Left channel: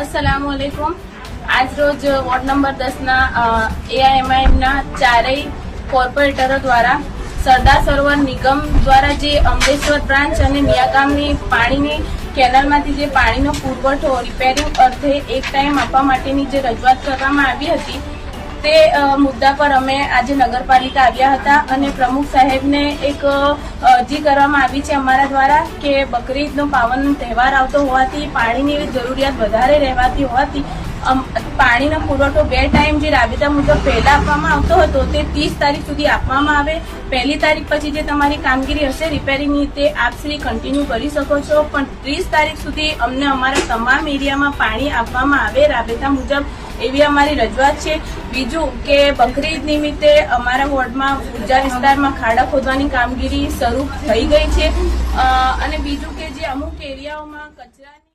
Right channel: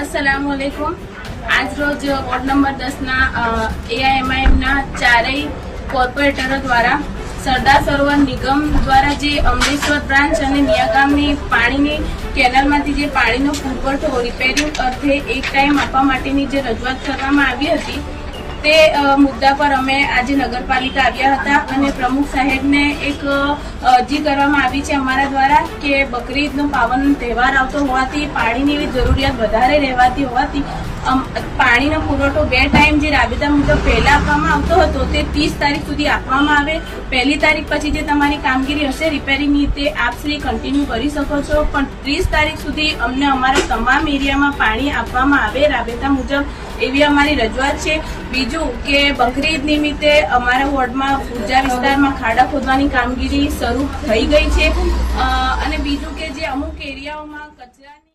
अस्सलामुअलैकुम। आज रोज ward number 10 ना AIMIM ना चारेय कोर्पोरेटरो द्वारा सरदार सरोवर निगम द्वारा जे अमरेश्वर ब्रांच અને નિયાગામની પાણીની કેનાલમાંથી જે પાણીનો પુરવઠો રિપેરિંગ અર્થે એક ટાઈમ આપવા માટેની જે રજૂઆત કરવામાં આવી હતી તે મુદ્દા પર અમે આજે નગરપાલિકા આવ્યા હતા અને પ્રમુખ સાહેબને એક અરજી કરવામાં આવી છે અમારા દ્વારા કે બકરીદનો પાવન તહેવાર આવતો હોવાથી પાણીની જરૂરિયાત વધારે રહેવાતી હોવાથી પાણીનો પુરવઠો 2 ટાઈમ જે રાબેતા મુજબ પહેલા આપવામાં આવતો હતો તે 30 તારીખ સુધી આપવામાં આવે। પહેલી તારીખ પછી જે તમારી કામગીરી હશે રિપેરિંગની તે આપ શ્રી કન્ટિન્યુ કરી શકો છો, પણ 30 તારીખ સુધી અમને અમારા તમામ એરિયામાં પાણી આપવામાં આવે રાબેતા મુજબ એવી અમારી રજૂઆત છે। બીજું કે બકરીદ નિમિત્તે અમારા વોર્ડમાં પૂજા વિસ્તારમાં ખાડા ખોદવાની કામગીરી શરૂ થઈ ગઈ છે અને બીજું કે જે અમુક એરિયાઓમાં કચરાની